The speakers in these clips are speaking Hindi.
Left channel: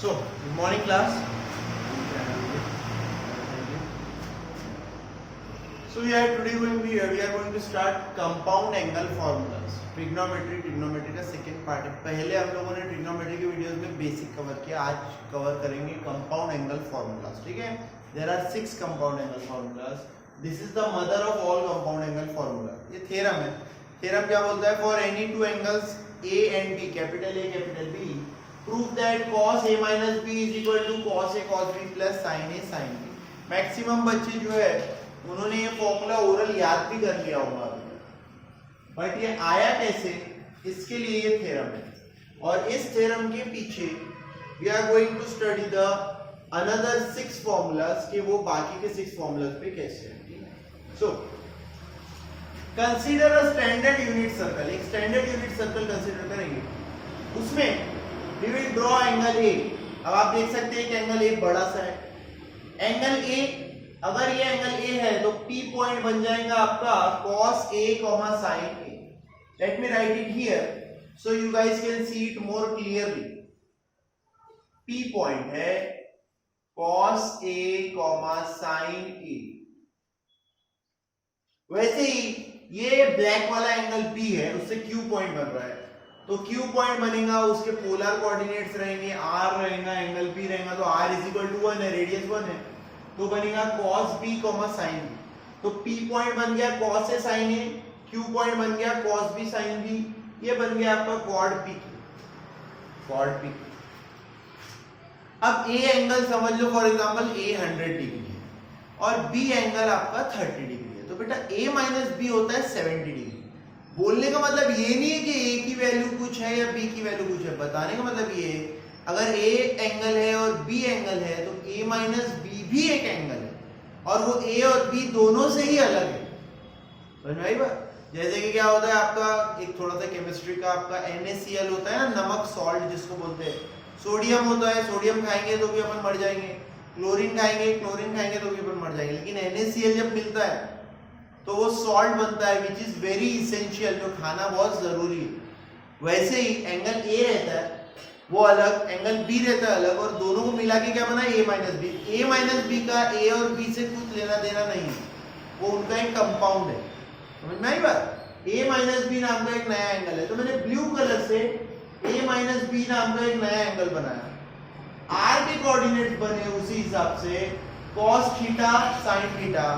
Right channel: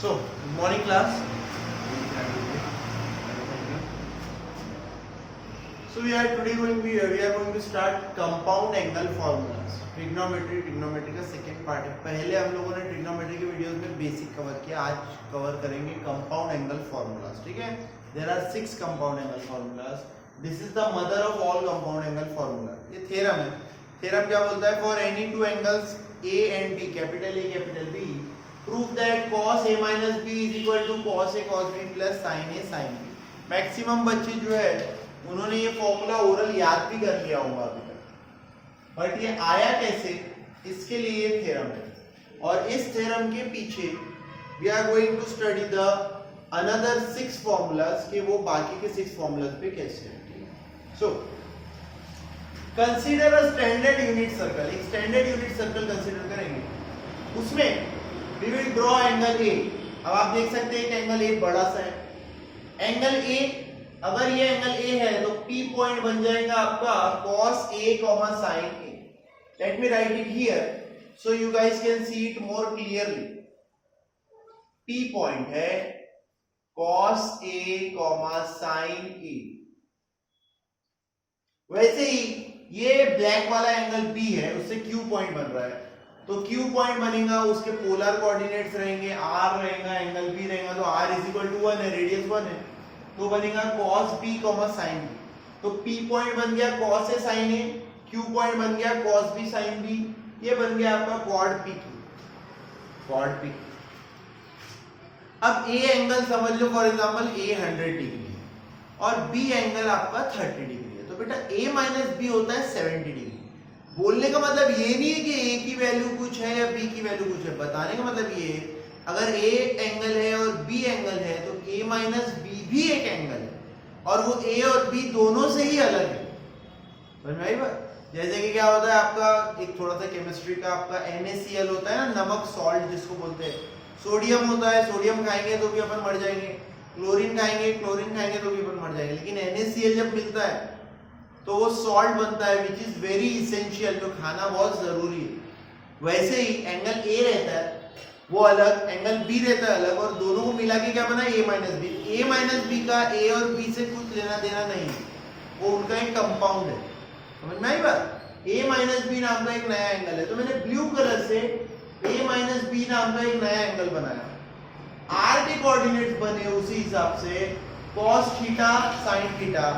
So, good morning class. So we are going to start compound angle formulas. Trigonometry का सेकेंड पार्ट है. पहले हम लोगों ने ट्रिग्नोमेट्री के वीडियोस में बेसिक कवर किया. आज कवर करेंगे कंपाउंड एंगल फॉर्मूलाज. ठीक है. There are 6 compound angle formulas. This is the mother of all compound angle formula. ये थ्योरम है. थ्योरम क्या बोलता है? For any two angles A and B, capital A capital B, prove that cos a minus b is equal to cos a cos b plus sin a sin b. Maximum बच्चे जो है उन्होंने ये फॉर्मूला ओरल याद भी कर लिया होगा अभी तक, बट ये आया कैसे, इसके लिए ये थ्योरम है. और इस थ्योरम के पीछे we are going to study the another 6 formulas के वो बाकी के 6 फॉर्मूलाज पे कैसे है. So consider a standard unit circle. एक स्टैंडर्ड यूनिट सर्कल कंसीडर करेंगे. उसमें we will draw angle A. अब आप देख सकते हैं कि एंगल A बड़ा सा है. एंगल A, अगर ये एंगल A है तो P पॉइंट बन जाएगा आपका cos A, sin A. Let me write it here so you guys can see it more clearly. P point है cos A, sin A. वैसे ही ये ब्लैक वाला एंगल B है, उससे Q पॉइंट बन रहा है. तो Q पॉइंट बनेगा, उसके पोलर कोऑर्डिनेट्स रहेंगे, R रहेगा, एंगल P रहेगा. तो R इज इक्वल टू 1 है, रेडियस 1 है, तो बनेगा cos B, sin B. तो P पॉइंट बन गया cos A sin A, Q point बन गया cos B sin B. ये बन गया आपका quad PQ. अब A एंगल समझ लो फॉर एग्जांपल A 100 डिग्री है और B एंगल आपका 30 डिग्री है. तो बेटा A माइनस B होता है 70 डिग्री. बोलने का मतलब ये नहीं है कि A की वैल्यू कुछ है या B की वैल्यू कुछ है. बताने का मतलब ये है अगर A एंगल है और B एंगल है तो A माइनस B भी एक एंगल है और वो A और B दोनों से ही अलग है. समझ में आई बात? जैसे कि क्या होता है आपका एक थोड़ा सा केमिस्ट्री का आपका NaCl होता है ना, नमक सॉल्ट जिसको बोलते हैं. सोडियम होता है, सोडियम खाएंगे तो भी अपन मर जाएंगे. क्लोरीन खाएंगे तो भी अपन मर जाएंगे. लेकिन NaCl जब मिलता है तो वो सॉल्ट बनता है विच इज वेरी इसेंशियल, जो खाना बहुत जरूरी है. वैसे ही एंगल A रहता है वो अलग, एंगल B रहता है अलग, और दोनों को मिला के क्या बना A minus B. A minus B का A और B से कुछ लेना देना नहीं है, वो उनका एक कंपाउंड है. समझ में आई बात? A माइनस बी नाम का एक नया एंगल है, तो मैंने ब्लू कलर से A माइनस बी नाम का एक नया एंगल बनाया. R के कोऑर्डिनेट्स बने उसी हिसाब से cos थीटा sin थीटा.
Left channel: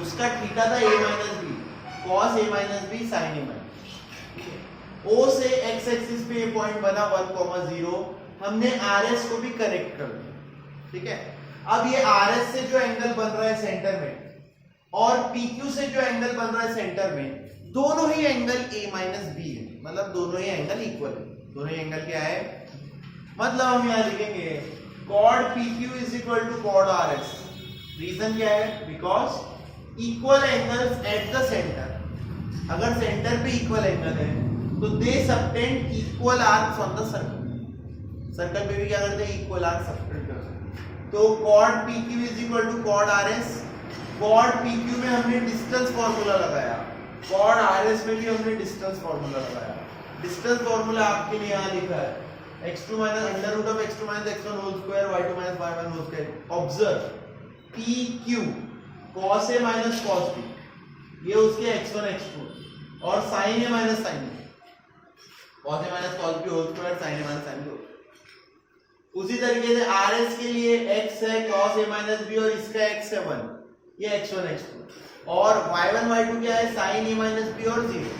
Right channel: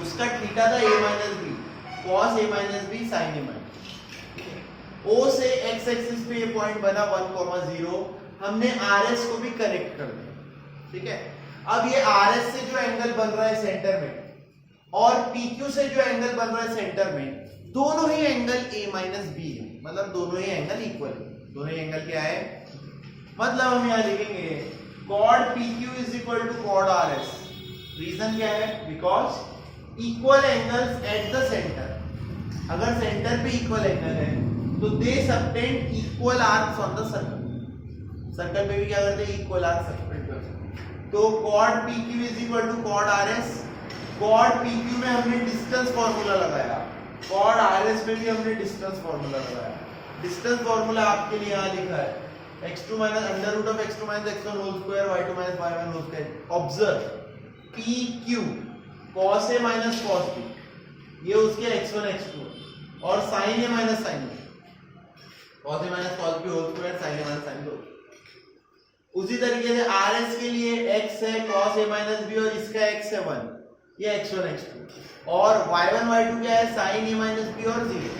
उसका थीटा था A minus B, cos A minus B sin A minus. O से x एक्सिस पे ये पॉइंट बना 1,0. हमने RS को भी करेक्ट कर दिया. ठीक है. अब ये RS से जो एंगल बन रहा है सेंटर में और PQ से जो एंगल बन रहा है सेंटर में, दोनों ही एंगल A माइनस बी है. मतलब दोनों ही एंगल इक्वल है. दोनों ही एंगल क्या है? मतलब हम यहाँ लिखेंगे cos PQ is equal to cos RS. Reason क्या है? Because equal angles at the centre. अगर सेंटर पे इक्वल एंगल है तो they subtend equal arcs on the circle. Circle पे भी क्या करते हैं? इक्वल आर्क सबटेंड करते हैं. तो cos PQ is equal to cos RS. cos PQ में हमने डिस्टेंस फार्मूला लगाया, cos RS में भी हमने डिस्टेंस फार्मूला लगाया. डिस्टेंस फार्मूला आपके लिए यहाँ लिखा है x2 minus under root of x2 minus x1 whole square y2 minus y1 whole square. Observe PQ cos A minus cos B, ये उसके x1 x2 और sin A minus sin B. cos A minus cos B whole square, sin A minus sin B. उसी तरीके से RS के लिए x है cos A माइनस B और इसका x है 1, ये x1 x2, और y1 y2 क्या है? sin A माइनस B और 0.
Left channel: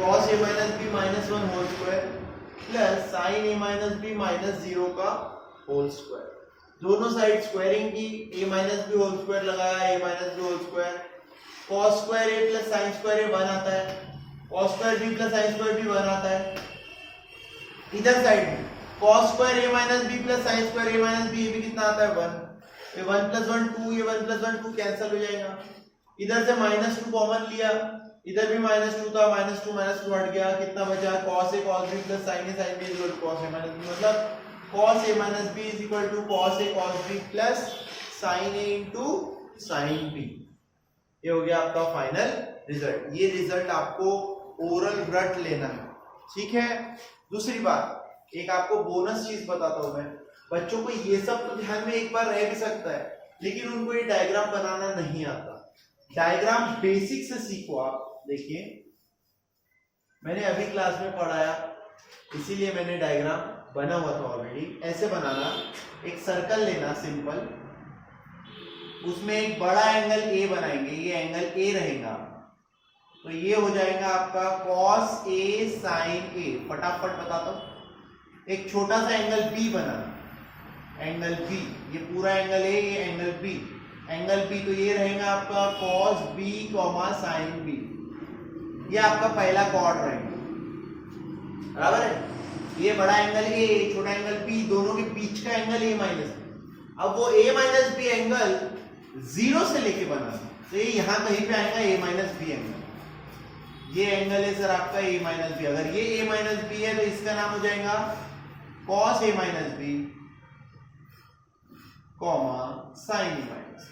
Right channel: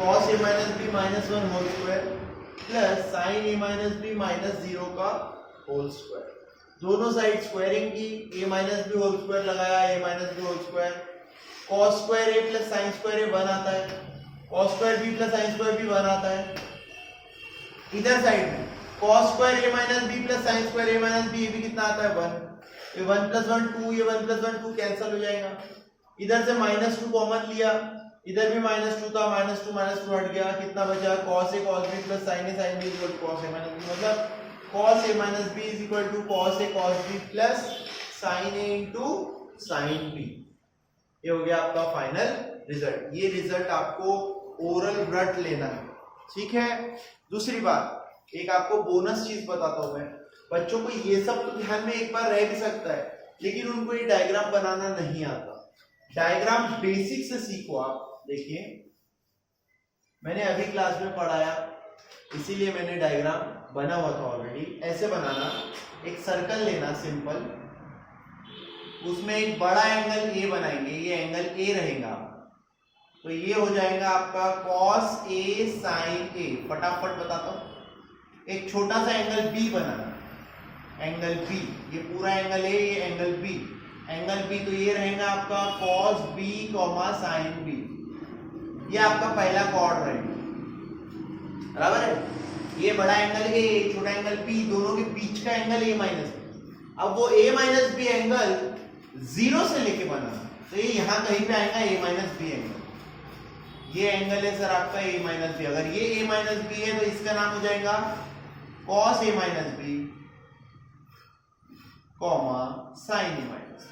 cos A minus B minus 1 whole square plus sin A minus B minus 0 का होल स्क्वायर. दोनों साइड स्क्वायरिंग की, A minus B whole square लगाया, A minus B whole square. cos square A plus sin square A 1 आता है, cos square B plus sin square B 1 आता है. इधर साइड में cos square A minus B plus sin square A minus B भी कितना आता है? 1. ये 1 प्लस 1 2, ये 1 प्लस 1 2 कैंसिल हो जाएगा. इधर से -2 कॉमन लिया, इधर भी -2 था, -2 हट गया, कितना बचा? cos A cos B plus sin A sin B equal to cos A minus B. मतलब cos A minus B is equal to cos A cos B plus sin A into sin B. ये हो गया आपका फाइनल रिजल्ट. ये रिजल्ट आपको ओरल रट लेना है. ठीक है. दूसरी बात, एक आपको बोनस चीज बताता हूं मैं, बच्चों को ये सब तो ध्यान में एक बार रह भी सकता है, लेकिन उनको ये डायग्राम बनाना नहीं आता। डायग्राम बेसिक से सीखो आप। देखिए मैंने अभी क्लास में पढ़ाया, इसीलिए मैंने डायग्राम बना हुआ था ऑलरेडी। ऐसे बनाना, एक सर्कल लेना सिंपल, उसमें एक बड़ा एंगल ए बनाएंगे, ये एंगल ए रहेगा, तो ये हो जाएगा आपका cos a sin a। फटाफट बताता हूं। एक छोटा सा एंगल बी बनाना, एंगल बी, ये पूरा एंगल ए, ये एंगल बी, एंगल बी, तो ये रहेगा आपका cos b, sin b। ये आपका पहला कॉर्ड रहेगा, बराबर है। ये बड़ा एंगल ए, छोटा एंगल बी, दोनों के बीच का एंगल a माइनस बी। अब वो a minus B angle zero से लेके बनाना, तो ये यहां कहीं पे आएगा a माइनस बी एंगल। ये एंगल है सर आपका a माइनस बी, अगर ये a माइनस बी है तो इसका नाम हो जाएगा cos a minus B, sin a minus.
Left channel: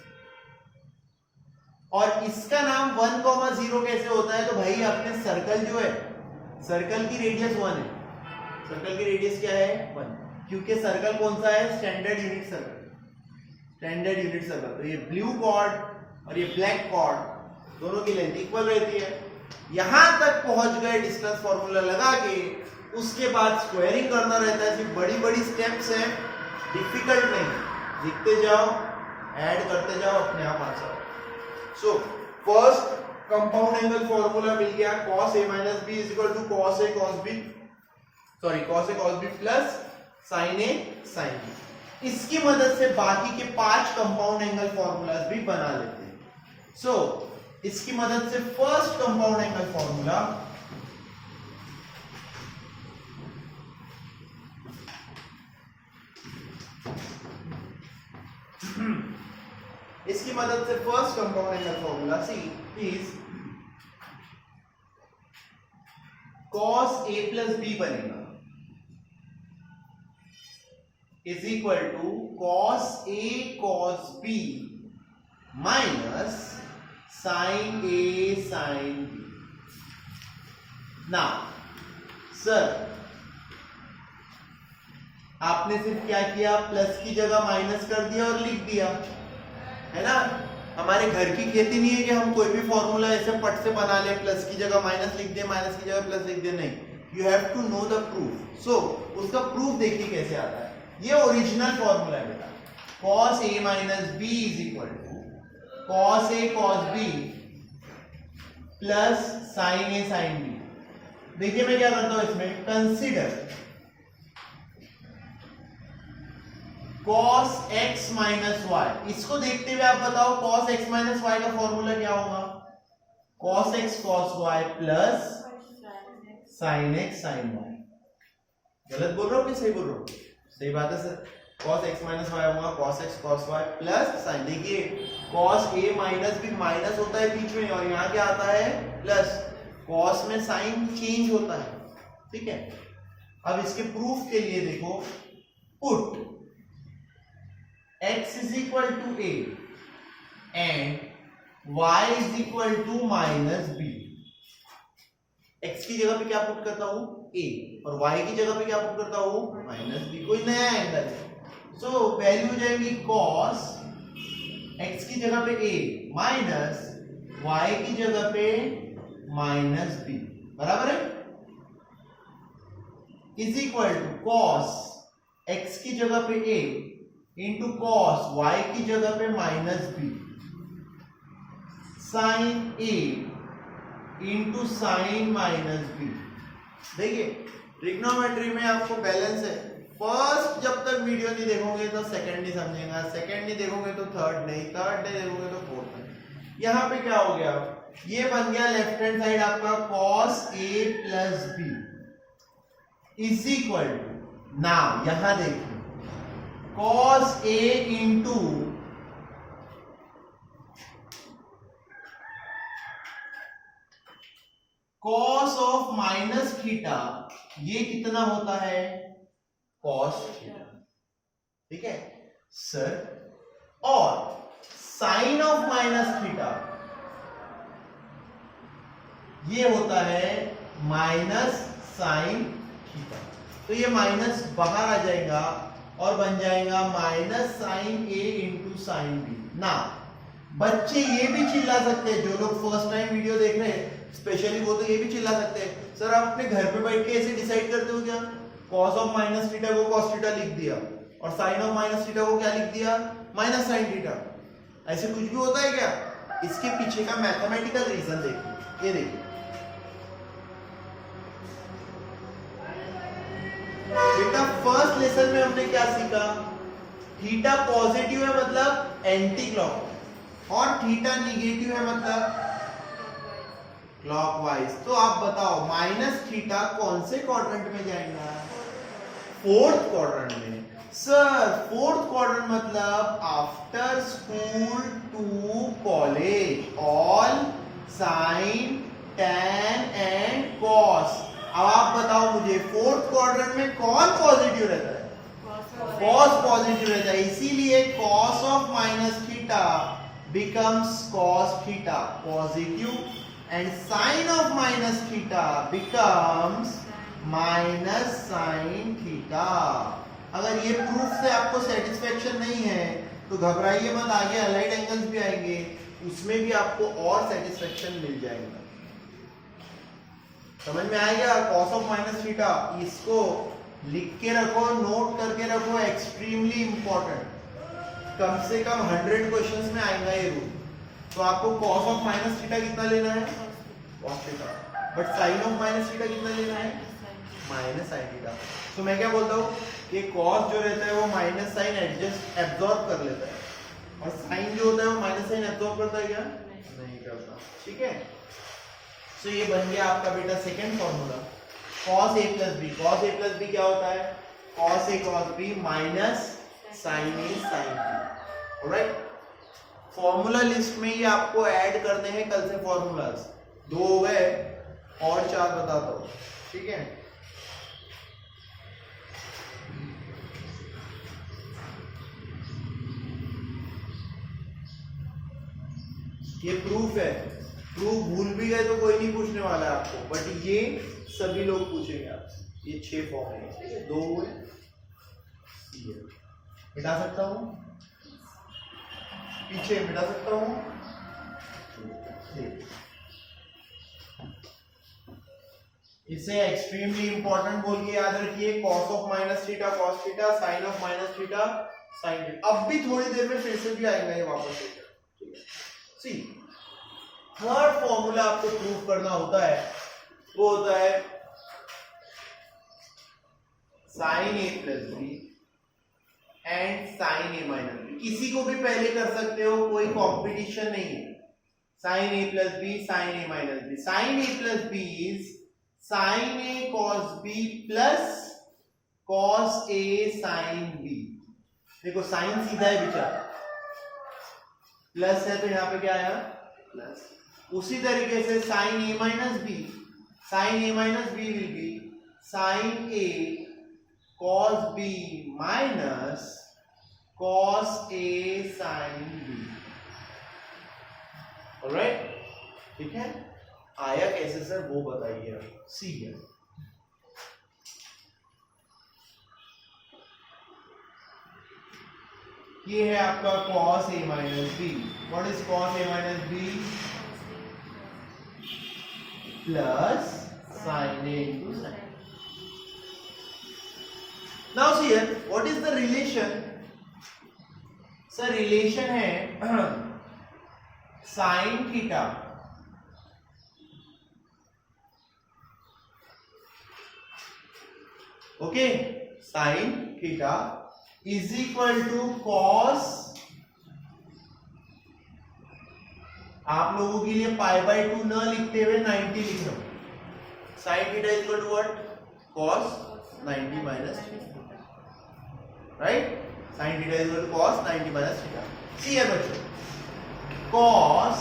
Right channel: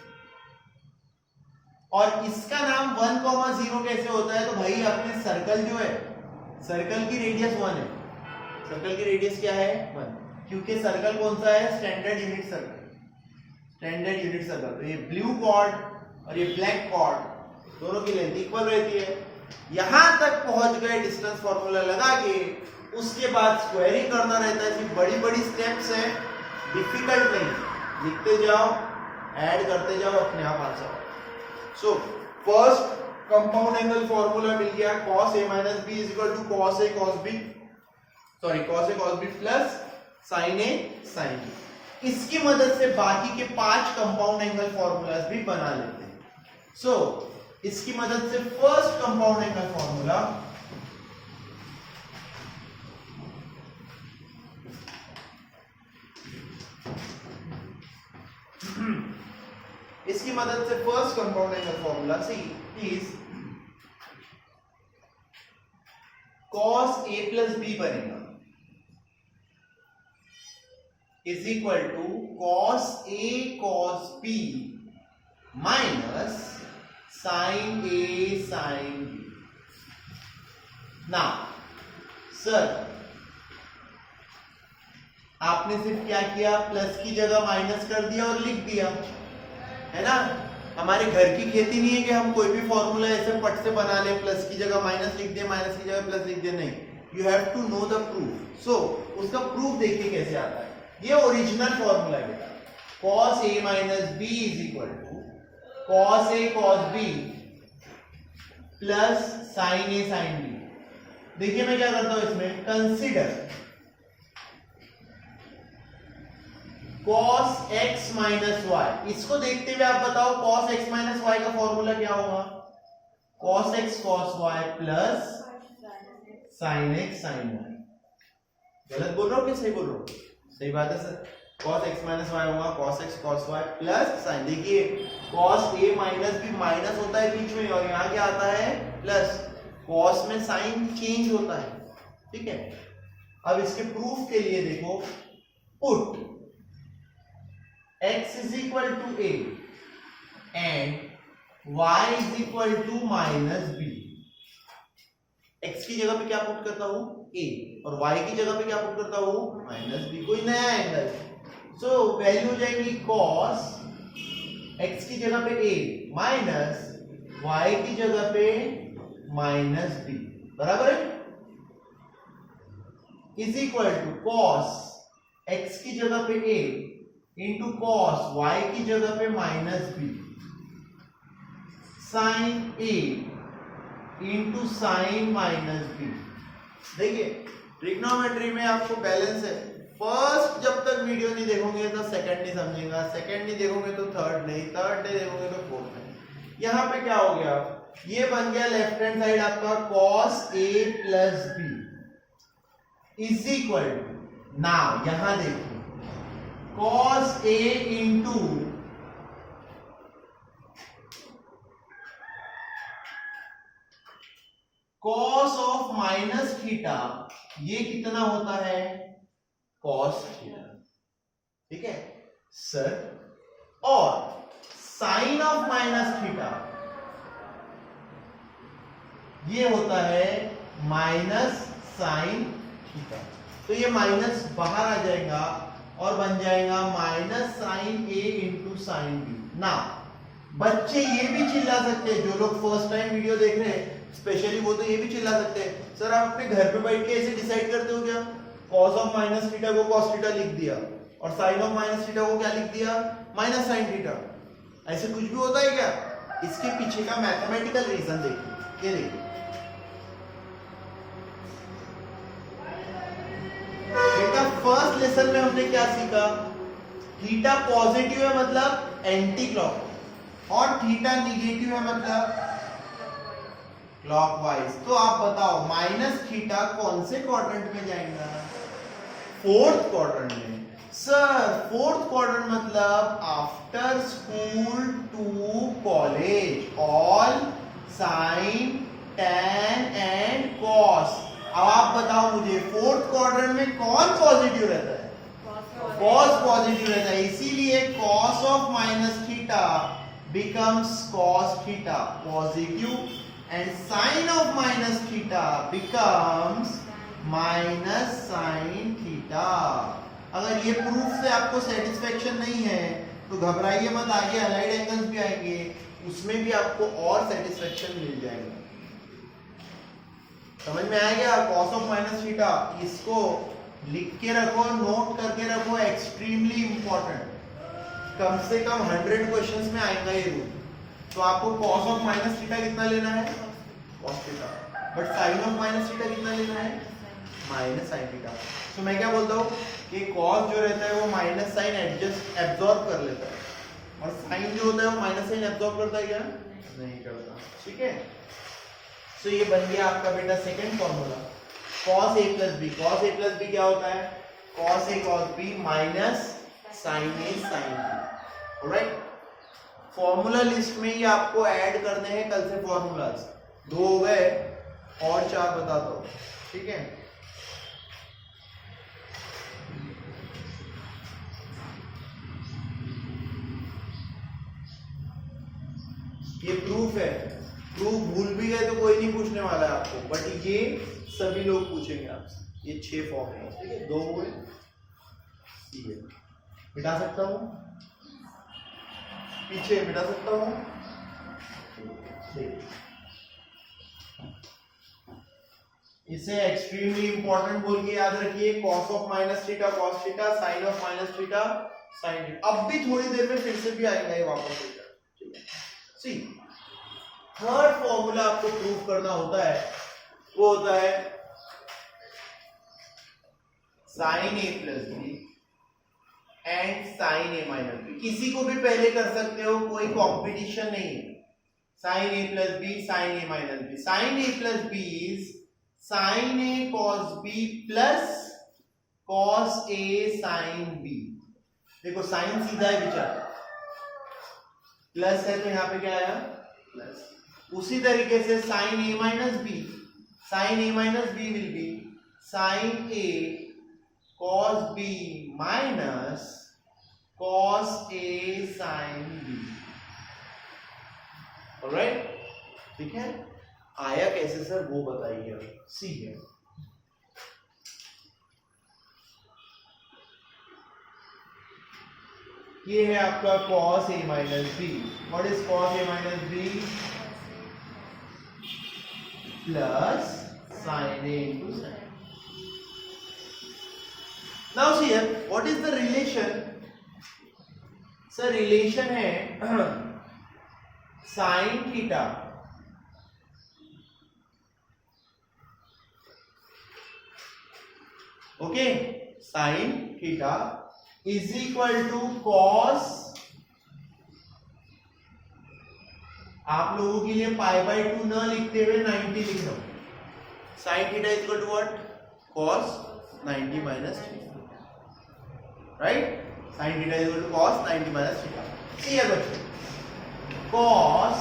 और इसका नाम 1,0 कैसे होता है? तो भाई अपने सर्कल जो है, सर्कल की रेडियस 1 है, सर्कल की रेडियस क्या है 1, क्योंकि सर्कल कौन सा है? Standard unit circle, standard unit circle. तो ये ब्लू कॉर्ड और ये ब्लैक कॉर्ड दोनों की लेंथ इक्वल रहती है। यहां तक पहुंच गए डिस्टेंस फॉर्मूला लगा के, उसके बाद स्क्वायरिंग करना रहता है। फिर बड़ी बड़ी स्टेप्स हैं, डिफिकल्ट नहीं, लिखते जाओ, ऐड करते जाओ, अपने आप आ जाओ। So first compound angle formula मिल गया, cos a minus b is equal to cos a cos b, sorry cos a cos b plus sin a sin b। इसकी मदद से बाकी के 5 कंपाउंड एंगल फॉर्मूलाज भी बना लेते हैं। सो इसकी मदद से फर्स्ट कंपाउंड एंगल फॉर्मूला, इसकी मदद से first compound angle formula C is cos a plus b बनेगा, is equal to cos a cos b minus sin a sin b। Now sir आपने सिर्फ क्या किया? प्लस की जगह माइनस कर दिया और लिख दिया, है ना। हमारे घर की खेती नहीं है कि हम कोई भी फॉर्मूला ऐसे पट से बना ले, प्लस की जगह माइनस लिख दे, माइनस की जगह प्लस लिख दे, नहीं। You have to know the proof. So उसका प्रूफ देखिए कैसे आता है। ये ओरिजिनल फॉर्मूला है बेटा, cos a minus b is equal to cos a cos b plus sin a sin b। देखिए मैं क्या करता हूं इसमें, consider cos x minus y. इसको देखते हुए आप बताओ cos x माइनस वाई का फॉर्मूला क्या होगा? cos x cos y plus sin x sin y। गलत बोल रहा हूं कि सही बोल रहा हूं? सही बात है sir. cos x minus y होगा cos x cos y plus sin। देखिए cos a minus b minus होता है बीच में, और यहां क्या आता है? प्लस। cos में साइन चेंज होता है, ठीक है। अब इसके प्रूफ के लिए देखो, put x is equal to a and y is equal to minus b। x की जगह पे क्या पुट करता हूं? a, और y की जगह पे क्या पुट करता हूं? Minus b। कोई नया एंगल है, सो वैल्यू हो जाएगी cos x की जगह पे a माइनस y की जगह पे माइनस b, बराबर है, is equal to cos x की जगह पे a इंटू कॉस y की जगह पे minus B, sine a into sine minus B. देखिए ट्रिग्नोमेट्री में आपको बैलेंस है। फर्स्ट जब तक वीडियो नहीं देखोगे तो सेकंड नहीं समझेगा, सेकंड नहीं देखोगे तो थर्ड नहीं, थर्ड नहीं देखोगे तो फोर्थ नहीं। यहां पे क्या हो गया? ये बन गया लेफ्ट हैंड साइड आपका cos a plus B is equal to, now यहां देखिए cos a इंटू cos ऑफ माइनस थीटा, ये कितना होता है? cos थीटा, ठीक है सर। और साइन ऑफ माइनस थीटा ये होता है माइनस साइन थीटा। तो ये माइनस बाहर आ जाएगा और बन जाएगा माइनस साइन ए इंटू साइन बी। ना बच्चे ये भी चिल्ला सकते हैं, जो लोग फर्स्ट टाइम वीडियो देख रहे हैं स्पेशली, वो तो ये भी चिल्ला सकते हैं, सर आप अपने घर पे बैठ के ऐसे डिसाइड करते हो क्या? कॉस ऑफ माइनस थीटा को कॉस थीटा लिख दिया और साइन ऑफ माइनस थीटा को क्या लिख दिया? Minus sine theta. ऐसे कुछ भी होता है क्या? इसके पीछे का मैथमेटिकल रीजन देखिए। ये देखिए बेटा, फर्स्ट लेसन में हमने क्या सीखा? थीटा पॉजिटिव है मतलब एंटी क्लॉक, और थीटा निगेटिव है मतलब क्लॉकवाइज। तो आप बताओ माइनस थीटा कौन से क्वाड्रेंट में जाएगा? फोर्थ क्वाड्रेंट में। सर फोर्थ क्वाड्रेंट मतलब after school to college, all sine tan and cos. अब आप बताओ मुझे फोर्थ क्वाड्रेंट में कौन पॉजिटिव रहता है? कॉस पॉजिटिव रहता है, इसीलिए cos of minus theta becomes cos theta positive and sin of minus theta becomes minus sin theta। अगर ये प्रूफ से आपको सेटिस्फेक्शन नहीं है तो घबराइए मत, आगे अलाइड एंगल्स भी आएंगे, उसमें भी आपको और सेटिस्फेक्शन मिल जाएगा। समझ में आ गया? cos ऑफ माइनस थीटा, इसको लिख के रखो, नोट करके रखो, एक्सट्रीमली इंपॉर्टेंट। कम से कम 100 क्वेश्चंस में आएगा ये रूल। तो आपको cos ऑफ माइनस थीटा कितना लेना है? cos theta. But sin of minus theta कितना लेना है? Minus sin theta. तो मैं क्या बोलता हूँ कि cos जो रहता है वो माइनस साइन एब्जॉर्ब कर लेता है, और sin जो होता है वो माइनस साइन एब्जॉर्ब करता है क्या? नहीं करता। ठीक है, तो ये बन गया आपका बेटा second formula, cos a plus B. cos a plus B क्या होता है? cos a cos b minus sin a sin b। Alright, formula list में ही आपको ऐड करने हैं कल से फॉर्मूलाज। 2 हो गए और 4 बताता हूं। ठीक है, ये प्रूफ है। प्रूफ भूल भी गए तो कोई नहीं पूछने वाला है आपको, बट ये सभी लोग पूछेंगे आपसे। ये 6 फॉर्मूला, ठीक है, 2 हुए, मिटा सकता हूं, पीछे मिटा सकता हूं। इसे एक्सट्रीमली इंपॉर्टेंट बोल के याद रखिए, cos of minus theta cos theta, sin of minus theta sin theta. अब भी थोड़ी देर में फिर से भी आएगा ये वापस। ठीक है, सी थर्ड फॉर्मूला आपको प्रूव करना होता है, वो होता है sin a plus B and sin a minus B. किसी को भी पहले कर सकते हो, कोई कॉम्पिटिशन नहीं है। sin a plus B sin a minus B. sin a plus B is sin a cos b plus cos a sin b। देखो साइन सीधा है बेचारा, प्लस है तो यहां पे क्या आया? प्लस। उसी तरीके से sin a minus B, sin a minus B will be sin a cos b minus cos a sin b। Alright, ठीक है, आया कैसे सर वो बताइए। सी है, ये है आपका cos a minus B. What is cos a minus B? Plus sin a into sin। Now see here, what is the relation? Sir relation है sin theta okay, sin theta is equal to cos, आप लोगों के लिए π/2 न लिखते हुए 90 लिख रहा हूं। sin theta is equal to what? cos 90 minus theta, right? sin theta is equal to cos 90 minus theta. सी है बच्चों, cos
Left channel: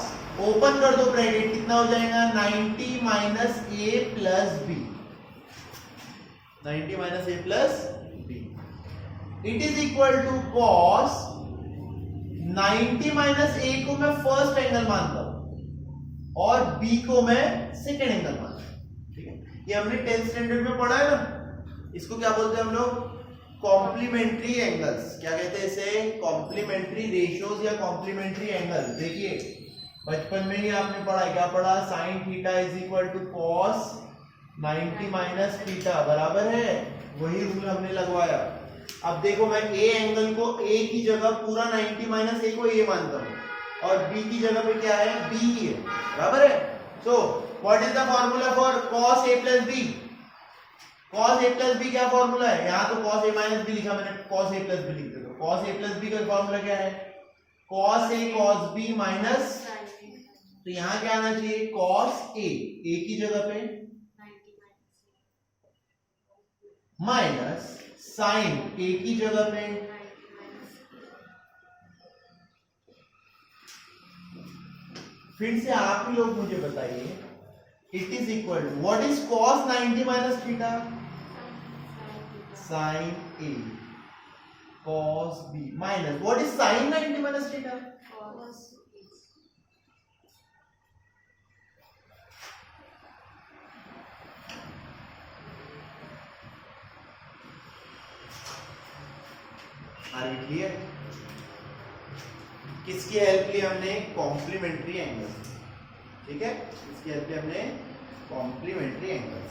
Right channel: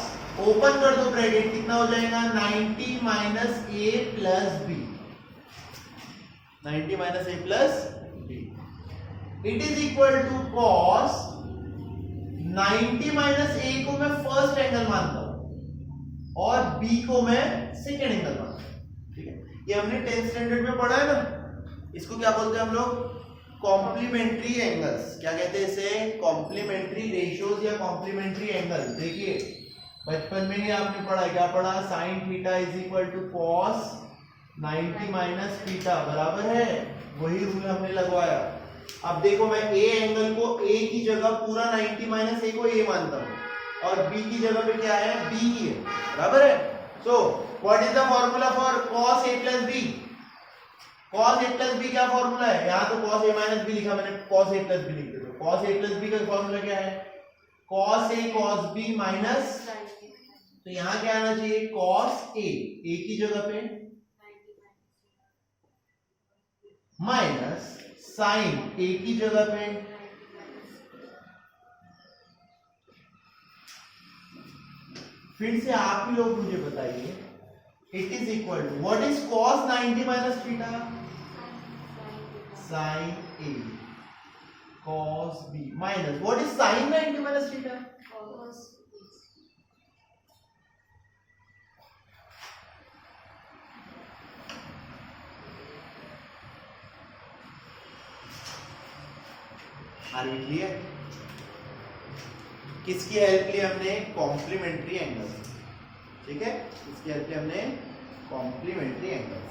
ओपन कर दो ब्रैकेट, कितना हो जाएगा? 90 minus a plus B. 90 minus a plus B, it is equal to cos 90 minus a को मैं फर्स्ट एंगल मानता हूं और b को मैं सेकेंड एंगल मानता हूं। ठीक है, ये हमने 10th स्टैंडर्ड में पढ़ा है ना, इसको क्या बोलते हैं हम लोग? Complementary angles. क्या कहते हैं इसे? कॉम्प्लीमेंट्री रेशियोज या कॉम्प्लीमेंट्री एंगल। देखिए बचपन में ही आपने पढ़ा, क्या पढ़ा? Sine theta is equal to cos 90 minus theta, बराबर है? वही रूल हमने लगवाया। अब देखो मैं ए एंगल को ए की जगह पूरा 90 माइनस ए को ए मानता हूं और बी की जगह पे क्या है? बी है, बराबर है? So what is the formula for cos a plus B? cos a plus B क्या फॉर्मूला है? यहां तो cos a माइनस बी लिखा मैंने, cos a प्लस बी लिख दे दो। cos a प्लस बी का फॉर्मूला क्या है? cos a cos b minus, तो यहां क्या आना चाहिए? cos a, a की जगह पे माइनस साइन a की जगह पे, फिर से आप ही लोग मुझे बताइए, it is equal to what is cos 90 minus theta? Sine a cos b minus what is sine 90 minus theta? Are we clear? किसकी हेल्प ली हमने? Complementary angle. ठीक है, इसकी हेल्प ली हमने कॉम्प्लीमेंट्री एंगल।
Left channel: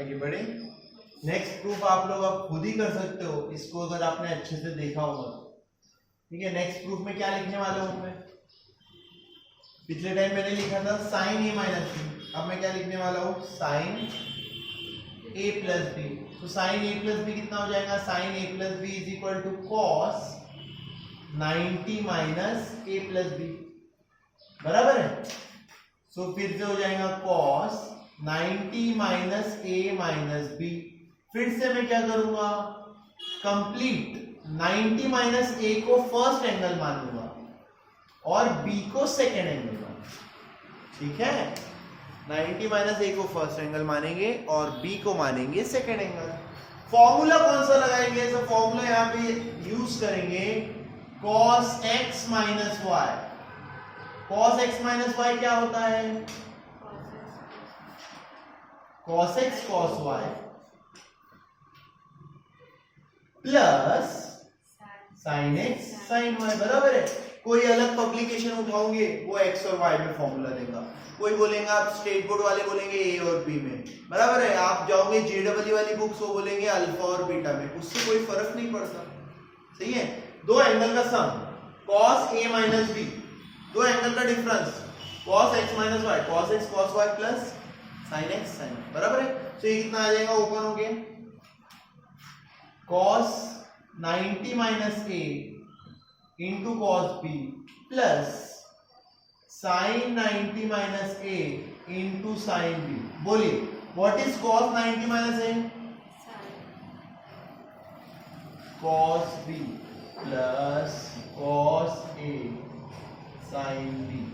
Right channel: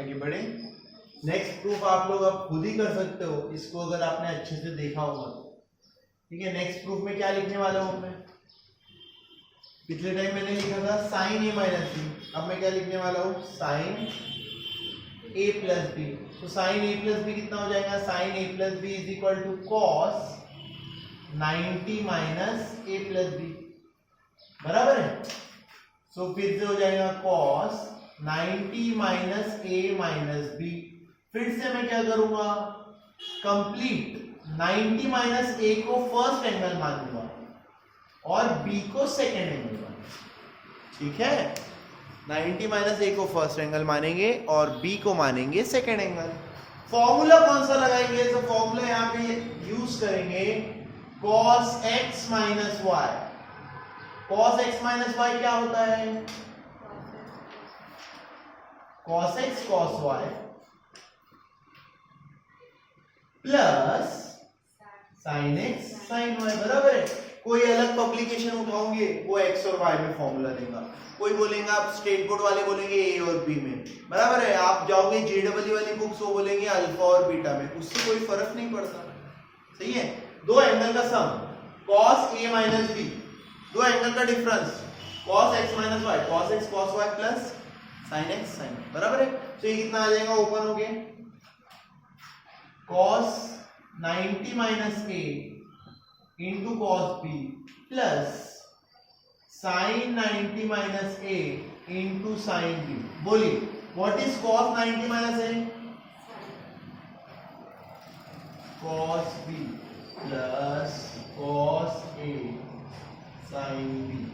आगे बढ़े। नेक्स्ट प्रूफ आप लोग अब खुद ही कर सकते हो इसको, अगर आपने अच्छे से देखा होगा तो। ठीक है, नेक्स्ट प्रूफ में क्या लिखने वाला हूं मैं? पिछले टाइम मैंने लिखा था साइन ए माइनस बी, अब मैं क्या लिखने वाला हूं? Sine A plus B. तो साइन ए प्लस बी कितना हो जाएगा? Sine A plus B is equal to cos 90 minus A plus B, बराबर है? सो फिर से हो जाएगा cos 90 minus A minus B. फिर से मैं क्या करूंगा? कंप्लीट 90 माइनस ए को फर्स्ट एंगल मान लूंगा और बी को सेकेंड एंगल मान। ठीक है, 90 माइनस ए को फर्स्ट एंगल मानेंगे और बी को मानेंगे सेकेंड एंगल। फॉर्मूला कौन सा लगाएंगे? तो फॉर्मूला यहां पे यूज करेंगे cos x minus Y. cos x minus Y क्या होता है? cos x cos y plus sin x sin y, बराबर है? कोई अलग पब्लिकेशन उठाओगे वो x और y में फॉर्मूला देगा, कोई बोलेंगे आप स्टेट बोर्ड वाले बोलेंगे a और b में, बराबर है? आप जाओगे JEE वाली बुक्स वो बोलेंगे अल्फा और बीटा में, उससे कोई फर्क नहीं पड़ता। सही है, दो एंगल का सम cos a माइनस b, दो एंगल का difference cos x minus y, cos x cos y plus sin x sin y, बराबर है? तो ये कितना आ जाएगा? ओपन हो गया cos 90 माइनस a इंटू cos b plus sin 90 minus a into sin b। बोलिए what is cos 90 minus a? cos b plus cos a sin b।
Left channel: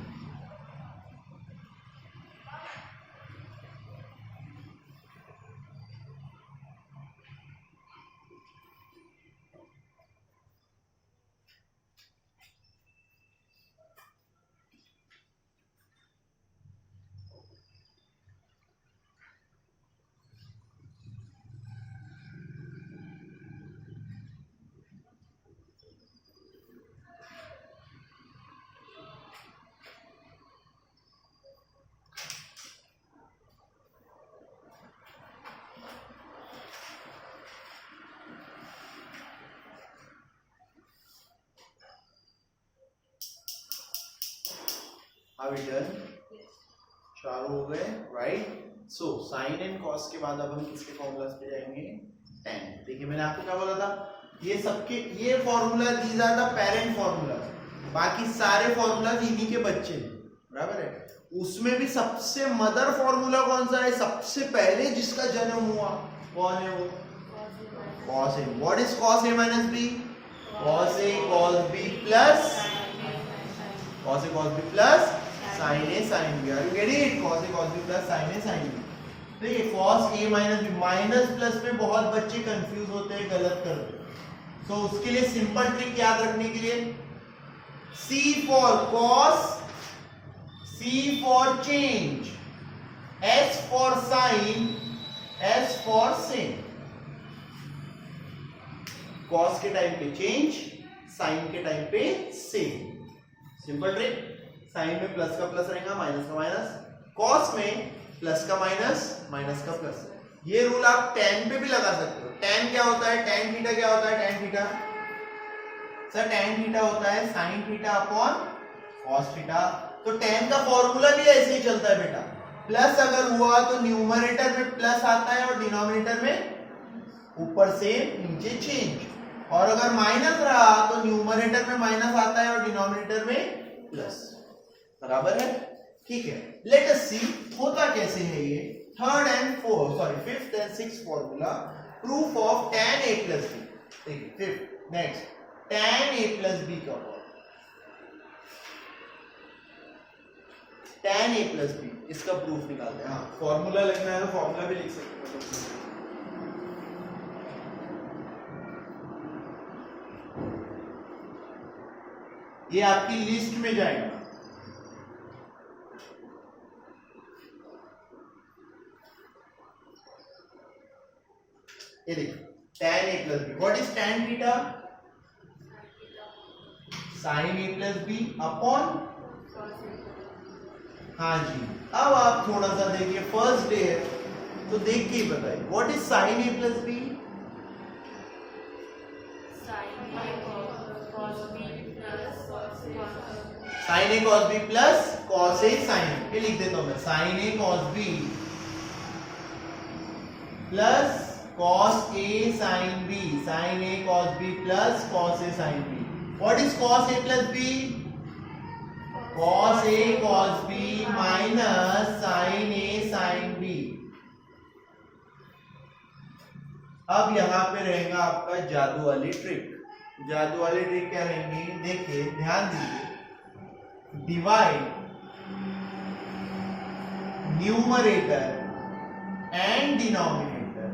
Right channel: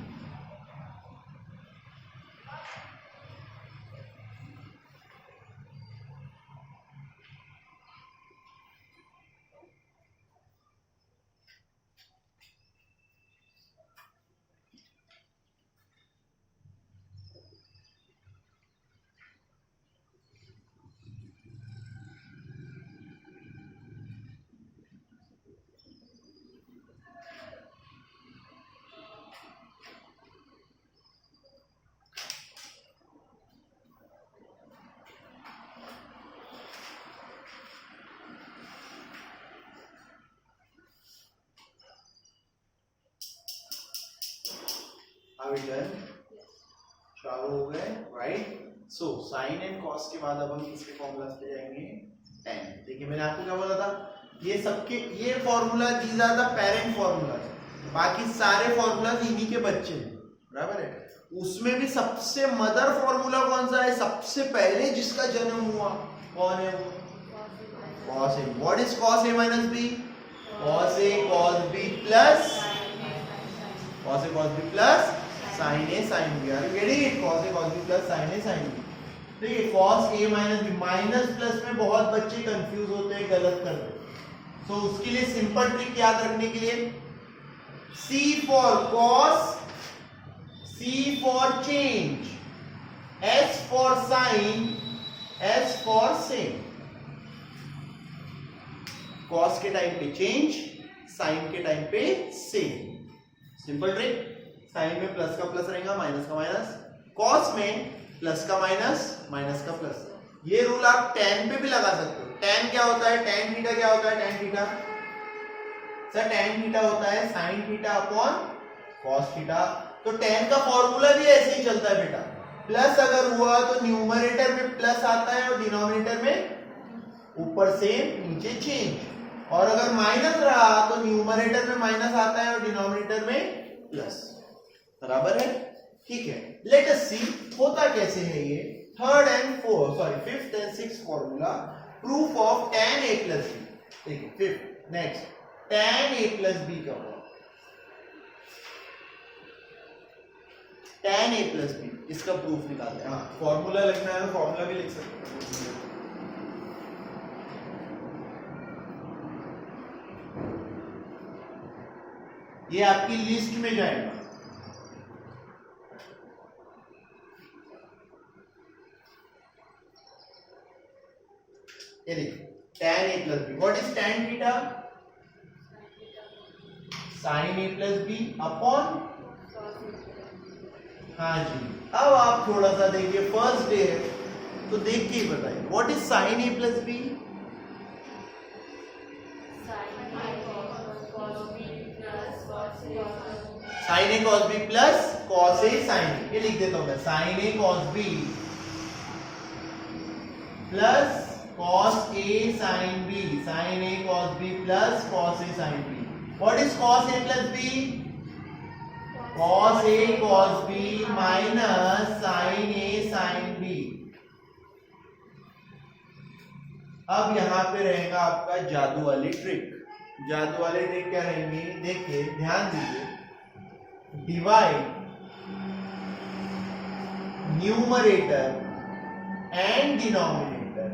चारों हो गए, right? So sine and cos के बाद अब हम किसके फॉर्मूलास पे जाएंगे? tan। देखिए मैंने आपको क्या बोला था, ये सबके ये formula these are the parent formula, बाकी सारे फॉर्मूलाज इन्हीं के बच्चे हैं, बराबर है? उसमें भी सबसे मदर फॉर्मूला कौन सा है? सबसे पहले जिसका जन्म हुआ कौन है वो? cos a. What is cos a minus b? Cos a cos b plus cos a cos b plus sin a sin b. Are you getting it? Cos a cos b plus sin a sin b. देखिए cos a minus b, minus plus में बहुत बच्चे कंफ्यूज होते हैं, गलत करते हैं. तो उसके लिए सिंपल ट्रिक याद रखने के लिए C for cos, C for change, S for sin, S for sin. cos के टाइम पे चेंज, sin के टाइम पे सेम. Simple trick. sin में प्लस का प्लस रहेगा, माइनस का माइनस. cos में प्लस का माइनस, माइनस का प्लस. ये रूल आप tan पे भी लगा सकते हो. tan क्या होता है? tan थीटा क्या होता है? tan theta sir tan theta होता है sin theta upon cos theta. तो tan का फॉर्मूला भी ऐसे ही चलता है बेटा. प्लस अगर हुआ तो न्यूमरेटर में प्लस आता है और डिनोमिनेटर में ऊपर से नीचे चेंज. और अगर माइनस रहा तो न्यूमरेटर में माइनस आता है और डिनोमिनेटर में प्लस. बराबर है? ठीक है. लेट अस सी होता कैसे है ये. Fifth and sixth formula, proof of tan a plus b. देखिए fifth next tan a plus b का होगा tan a plus b. इसका प्रूफ निकालते हैं. हाँ, फॉर्मूला लिखना है तो फॉर्मूला भी लिख सकते हैं. ये आपकी लिस्ट में जाएगा. ये देखिए tan a plus b. What is tan theta? sin a plus b upon. हाँ जी. अब आप थोड़ा सा देखिए, फर्स्ट डे है तो देख के ही बताइए. What is sin a plus b? sin a cos b plus cos a sin b. ये लिख देता हूं मैं. sin a cos b plus cos a sin b. sin a cos b plus cos a sin b. What is cos a plus b? cos a cos b minus sin a sin b. अब यहां पे रहेगा आपका जादू वाली ट्रिक. जादू वाली ट्रिक क्या रहेंगी? देखिए ध्यान दीजिए. Divide numerator and denominator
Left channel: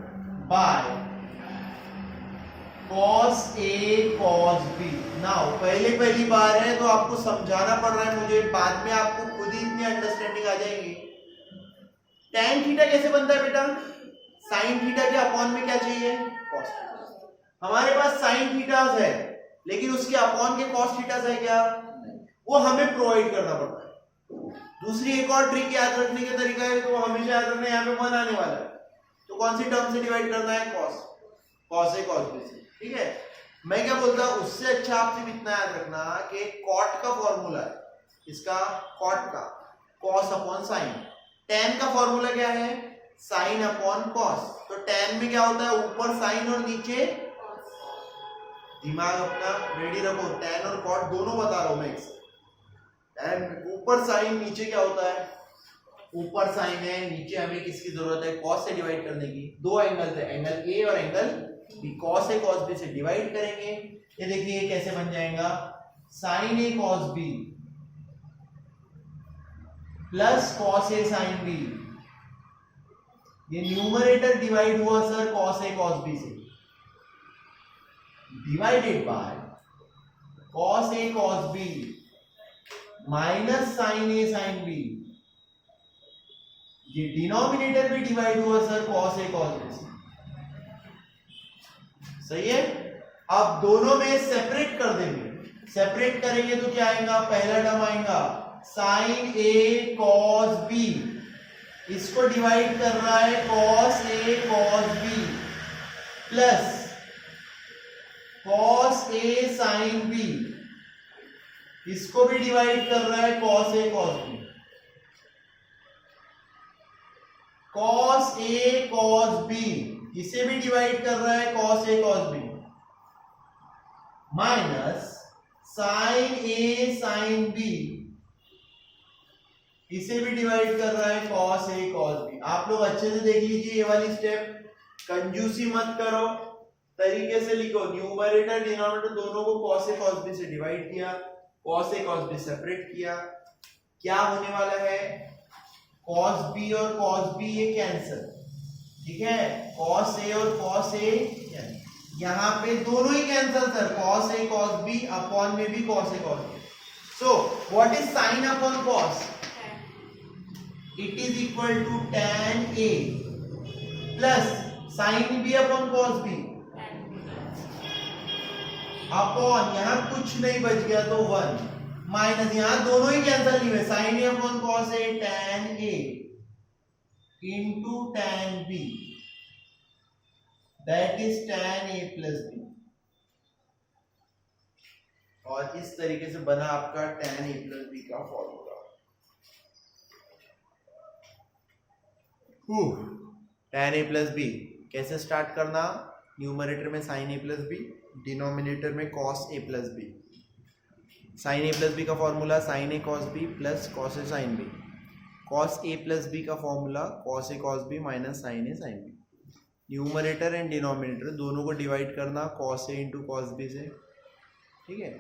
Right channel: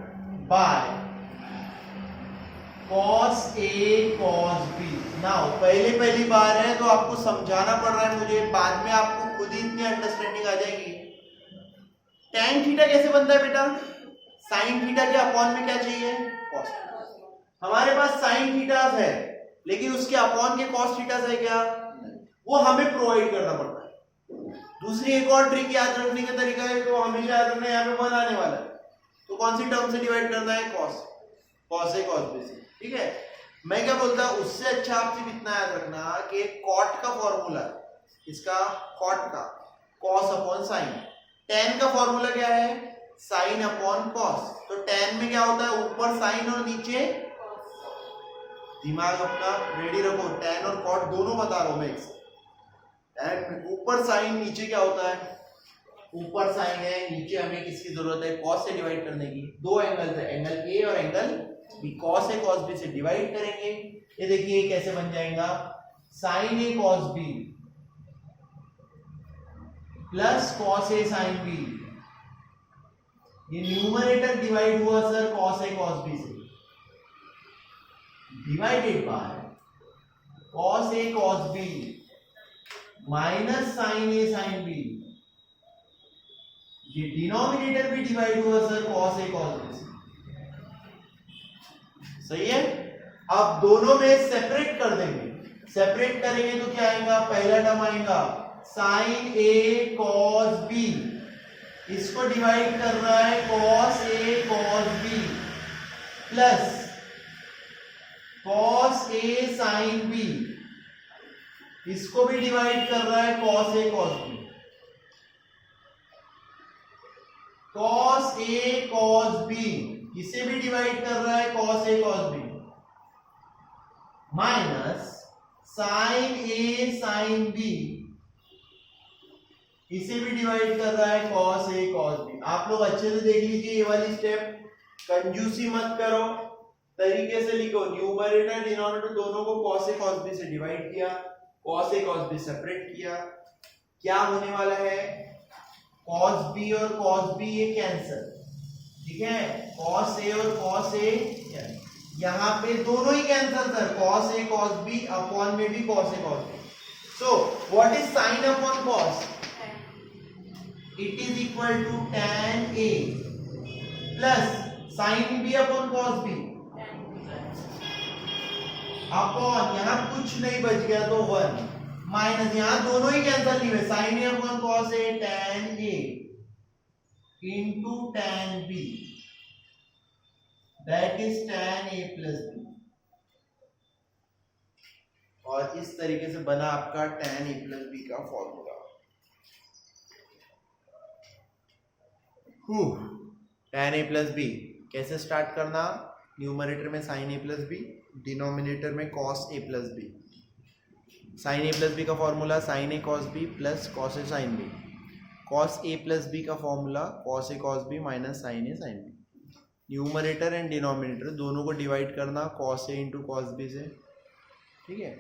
by cos a cos b. Now पहली बार है तो आपको समझाना पड़ रहा है मुझे. बाद में आपको खुद ही इतनी अंडरस्टैंडिंग आ जाएगी. tan थीटा कैसे बनता है बेटा? sin थीटा के अपॉन में क्या चाहिए? cos. हमारे पास sin थीटास है लेकिन उसके अपॉन के cos थीटास है क्या? वो हमें प्रोवाइड करना पड़ता है. दूसरी एक और ट्रिक याद रखने का तरीका है, तो हमेशा याद रखना है, यहाँ पे 1 आने वाला है तो कौन सी टर्म से डिवाइड करना है? cos a cos b से. ठीक है. मैं क्या बोलता हूं, उससे अच्छा आप सिर्फ इतना याद रखना कि cot का फॉर्मूला है. इसका cot का cos अपॉन sin. tan का फॉर्मूला क्या है? sin upon cos. तो tan में क्या होता है? ऊपर sin और नीचे. दिमाग अपना रेडी रखो. tan और cot दोनों बता रहा हूं मैं. tan ऊपर sin, नीचे क्या होता है? ऊपर sin है, नीचे हमें किसकी जरूरत है? cos से डिवाइड करने की. दो एंगल है, एंगल A और angle B. cos A cos B से डिवाइड करेंगे. ये देखिए कैसे बन जाएगा? sin A cos B plus cos A sin B. ये न्यूमरेटर डिवाइड हुआ sir cos A cos B से, divided by cos A cos B minus sin A sin B. ये डिनोमिनेटर भी डिवाइड हुआ sir cos A cos B से. सही है. अब दोनों में सेपरेट कर देंगे. सेपरेट करेंगे तो क्या आएगा? पहला टर्म आएगा sin A cos B. इसको डिवाइड कर रहा है cos A cos B plus cos A sin B. इसको भी डिवाइड कर रहा है cos A cos B. cos A cos B इसे भी डिवाइड कर रहा है cos A cos B minus sin A sin B. इसे भी डिवाइड कर रहा है cos A cos B. आप लोग अच्छे से देख लीजिए ये वाली स्टेप. कंजूसी मत करो. तरीके से लिखो, न्यूमरेटर डिनोमिनेटर दोनों को cos a cos b से डिवाइड किया, cos a cos b separate किया, क्या होने वाला है, cos b और cos b ये कैंसिल, ठीक है, cos a और cos a यहाँ पे दोनों ही cancel sir, cos a cos b upon में भी cos a cos b. So what is sin upon cos? It is equal to tan a plus sin b upon cos b upon, यहाँ कुछ नहीं बच गया तो 1 माइनस, यहाँ दोनों ही कैंसिल नहीं हुए, sin a upon cos a tan a into tan b, that is tan a plus b. और इस तरीके से बना आपका tan a plus b का formula. tan a plus b कैसे स्टार्ट करना, न्यूमरेटर में sin a plus b, denominator में cos a plus b. sin a plus b का formula sin a cos b plus cos a sin b. cos a plus b का formula cos a cos b minus sin a sin b. Numerator and denominator दोनों को डिवाइड करना cos a इंटू cos b से, ठीक है.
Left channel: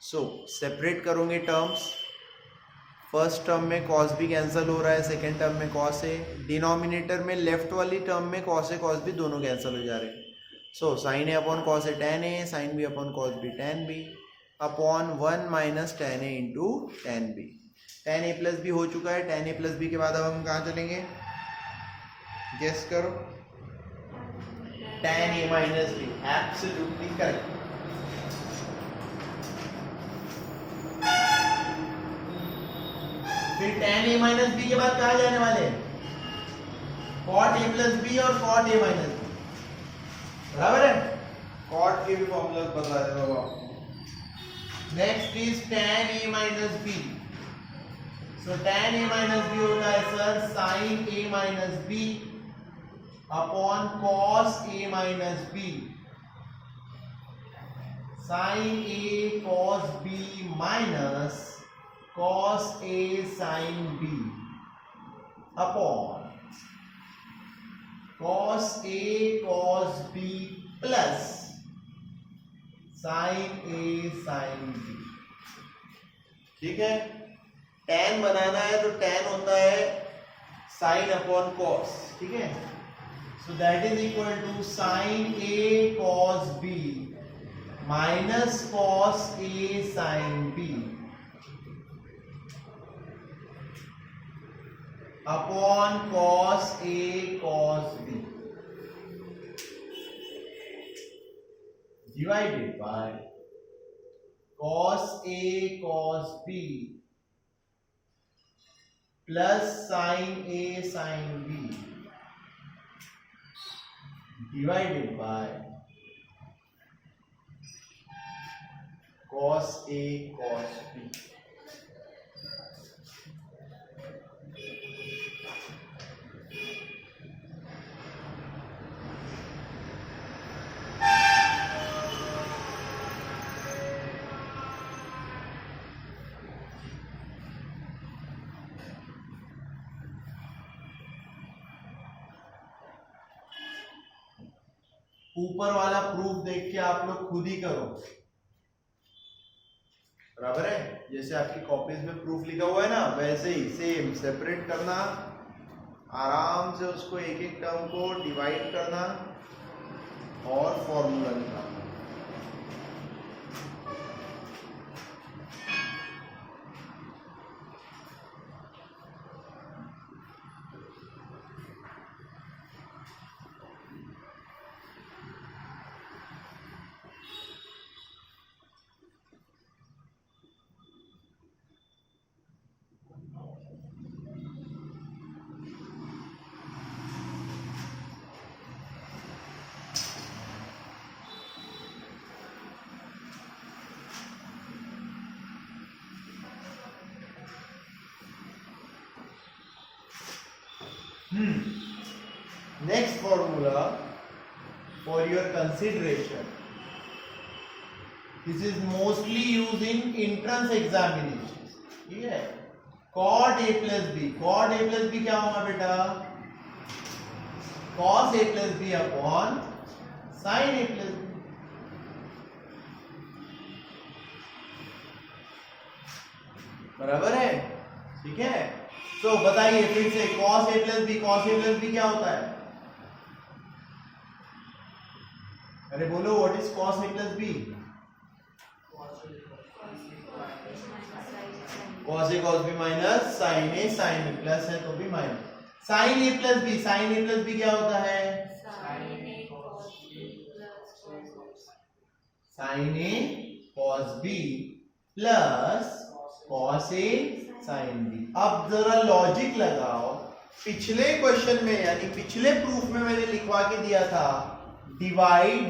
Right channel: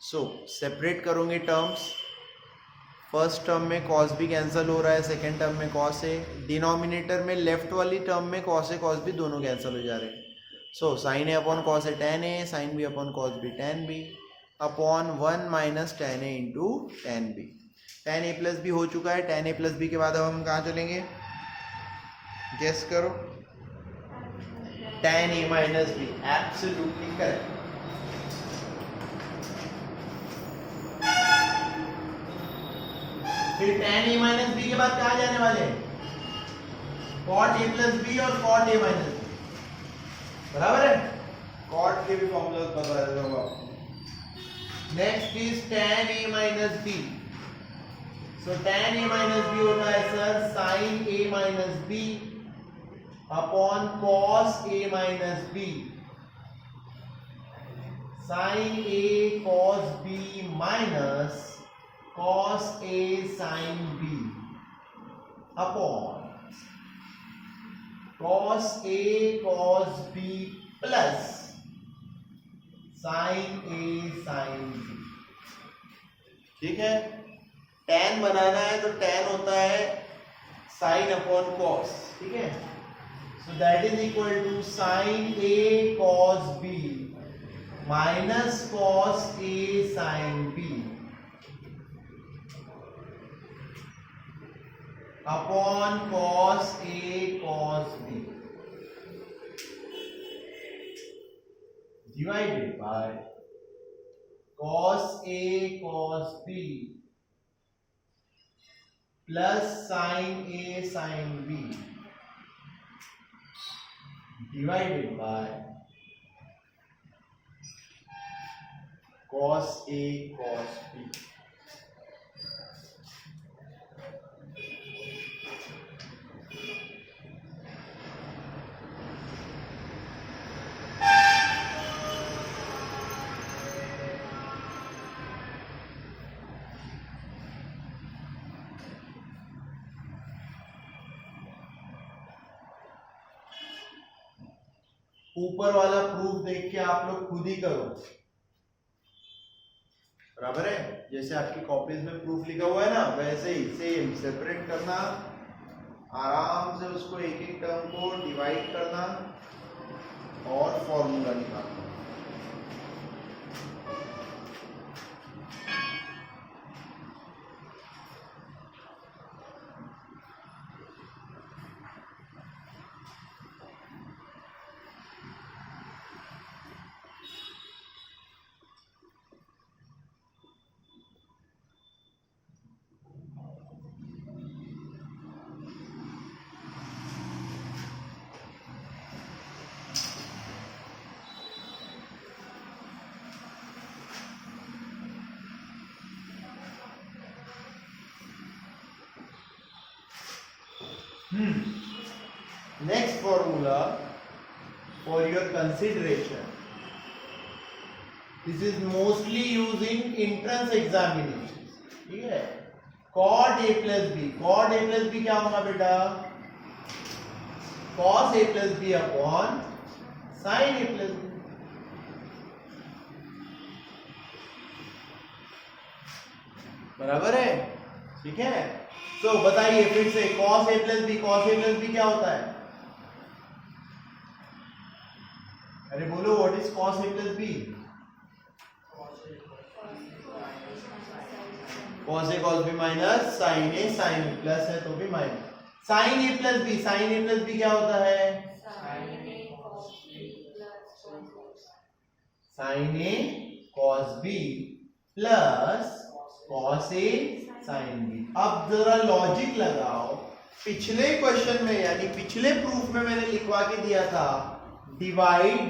सो सेपरेट करोगे टर्म्स, फर्स्ट टर्म में cos b कैंसिल हो रहा है, सेकेंड टर्म में cos a, डिनोमिनेटर में लेफ्ट वाली टर्म में cos a cos b दोनों कैंसिल हो जा रहे हैं. सो sin a upon cos a tan a, sin b upon cos b tan b upon 1 minus tan a into tan b. tan a plus b हो चुका है. tan a प्लस b के बाद अब हम कहाँ चलेंगे, गेस करो, tan a minus b, absolutely correct. फिर tan a माइनस b के बाद कहाँ जाने वाले हैं, cot a प्लस b और cot a माइनस b, बराबर है. cot के भी फॉर्मूला बता रहे हो आप. Next is tan a minus b. So tan a minus b होता है sir sin a minus b upon cos a minus b, sin a cos b minus cos a sin b upon cos a cos b plus sin a sin b. ठीक है, tan बनाना है तो tan होता है sin अपॉन cos, ठीक है. So that is equal to sin a cos b minus cos a sin b upon cos a cos b divided by cos a cos b plus sin a sin b divided by cos a cos b. ऊपर वाला प्रूफ देख के आप लोग खुद ही करो, बराबर है. जैसे आपकी कॉपीज में प्रूफ लिखा हुआ है ना, वैसे ही सेम सेपरेट करना, आराम से उसको एक एक टर्म को डिवाइड करना और फॉर्मूला निकालना. Next formula for your consideration. This is mostly used in entrance examinations. ठीक है, cot a plus b. cot a plus b क्या होगा बेटा, cos a plus b upon sin a plus b. बराबर है, ठीक है। तो बताइए फिर से cos a plus B, cos a plus B क्या होता है? अरे बोलो, what is cos a plus B? cos a cos b minus sin a sin b, plus है तो भी minus. sin a plus b, sin a plus b क्या होता है? sin a cos b plus cos a sin b। अब जरा लॉजिक लगाओ, पिछले क्वेश्चन में यानी पिछले प्रूफ में मैंने लिखवा के दिया था divide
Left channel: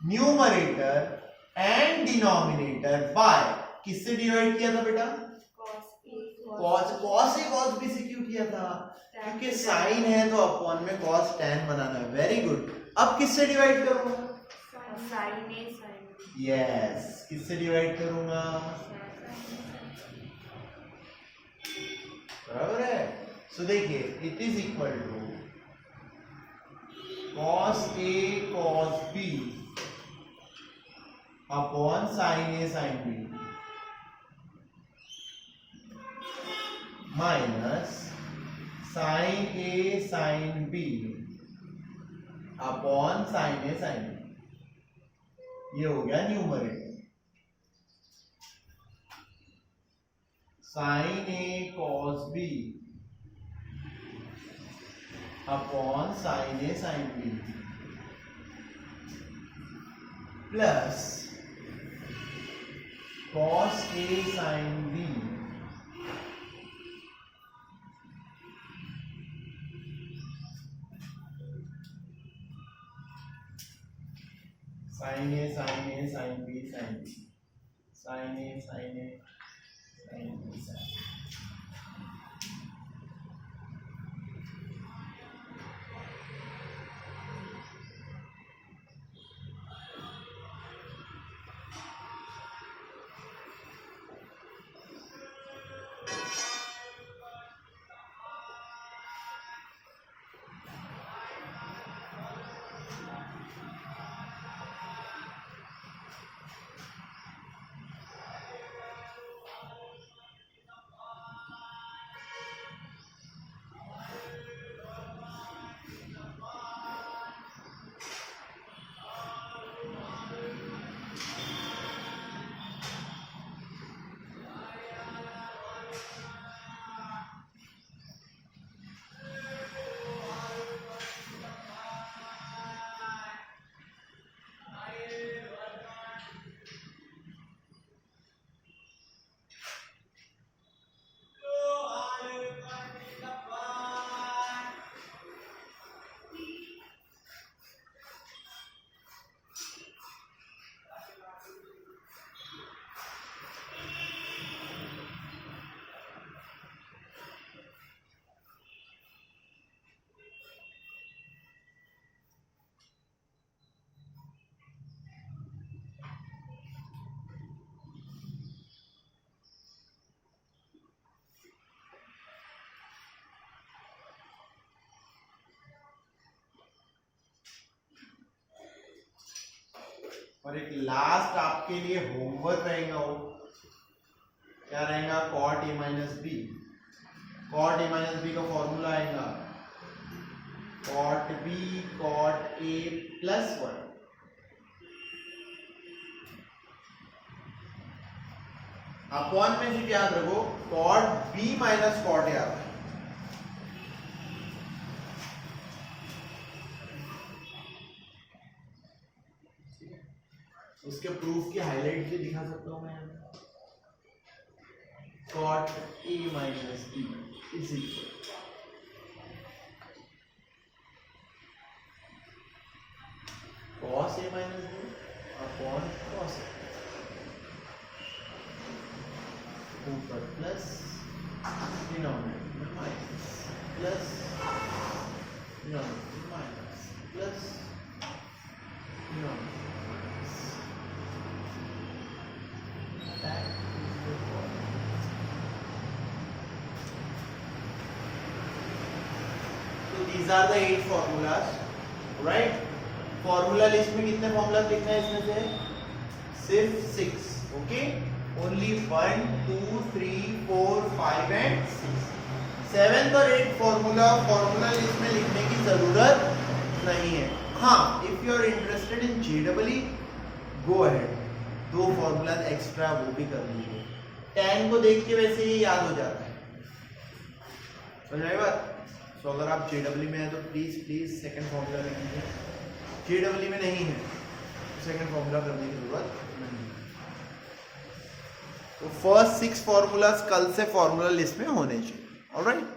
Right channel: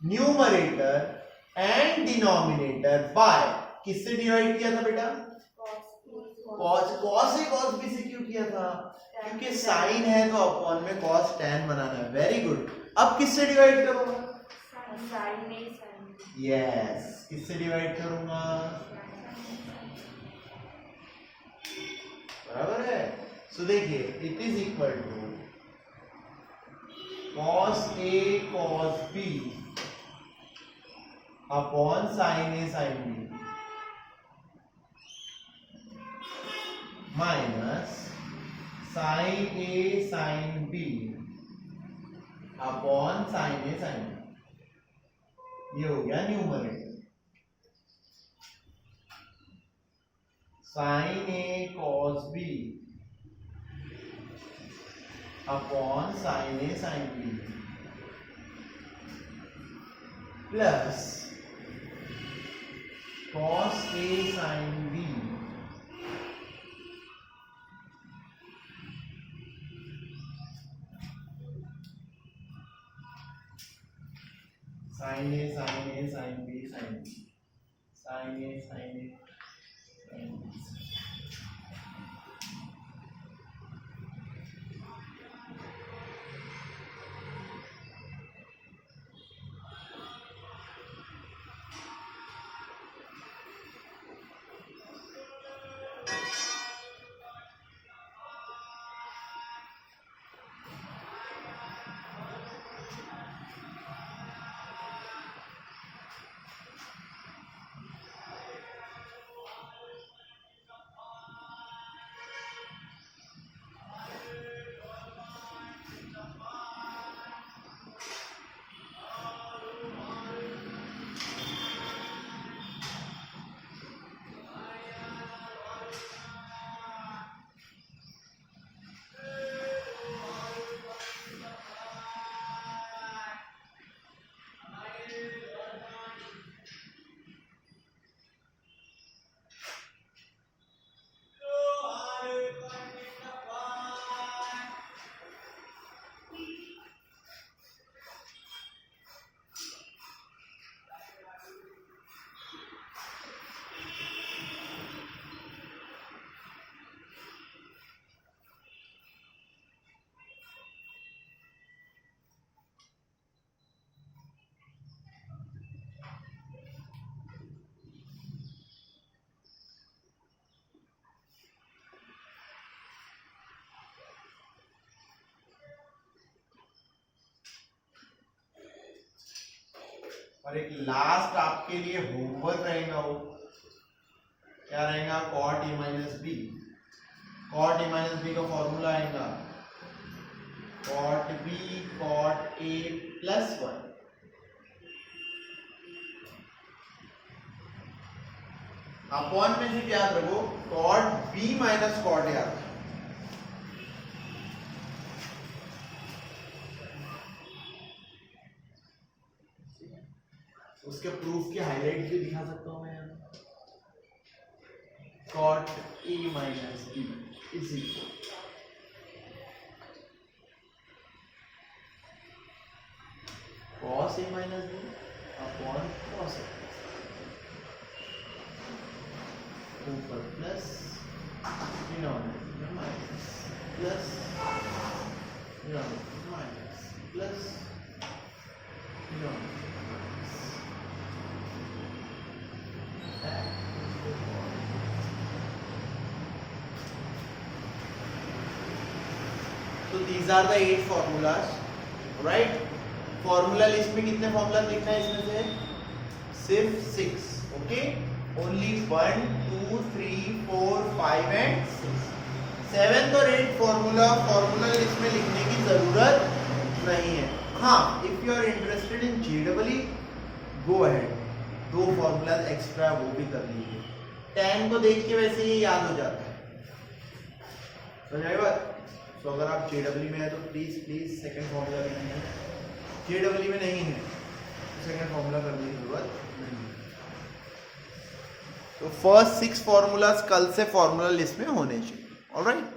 numerator and denominator by, किससे डिवाइड किया था बेटा? cos a cos b से क्यों किया था? क्योंकि साइन है तो अपॉन में cos tan बनाना है। Very good. अब किससे डिवाइड करूंगा? यस, किससे डिवाइड करूंगा? बराबर है। सो देखिए, it is equal to cos a cos b upon sin a sin b minus sin a sin b upon sin a sin b। ये हो गया numerator. sin a cos b upon sin a sin b plus cos a sin b sin a sin a sin b sin b sin a sin a sin b sin b। और एक लास्ट आपके लिए होमवर्क रहेगा, वो क्या रहेगा? cot a minus B. cot a minus B का फॉर्मूला आएगा cot b cot a plus 1। Upon में जी याद रखो cot b minus cot a आता है। उसके प्रूफ के हाईलाइट भी दिखा सकता हूं मैं यहाँ। cot a minus b is equal cos a minus b upon cos a, ऊपर प्लस डिनोमिनेटर में minus plus denominator minus plus denominator minus. तो these are the 8 formulas, right? Formula list में कितने फॉर्मूला लिखना है इसमें से? सिर्फ 6, ओके। Only 1 2 3 4 5 and 6। 7th और 8th फॉर्मूला इसमें लिखने की जरूरत नहीं है। हाँ, if you are interested in जेडबलई गो अहेड, 2 फॉर्मूलाज एक्स्ट्रा वो भी कर लीजिए। tan को देख के वैसे ये याद हो जाता है, समझ आई बात। तो अगर आप जेडबलई में है तो प्लीज सेकंड फॉर्मूला लिख लीजिए, जेडबलई में नहीं है तो सेकंड फॉर्मूला करने की जरूरत नहीं है। तो फर्स्ट 6 फॉर्मूलाज कल से फॉर्मूला लिस्ट में होने चाहिए। ऑलराइट।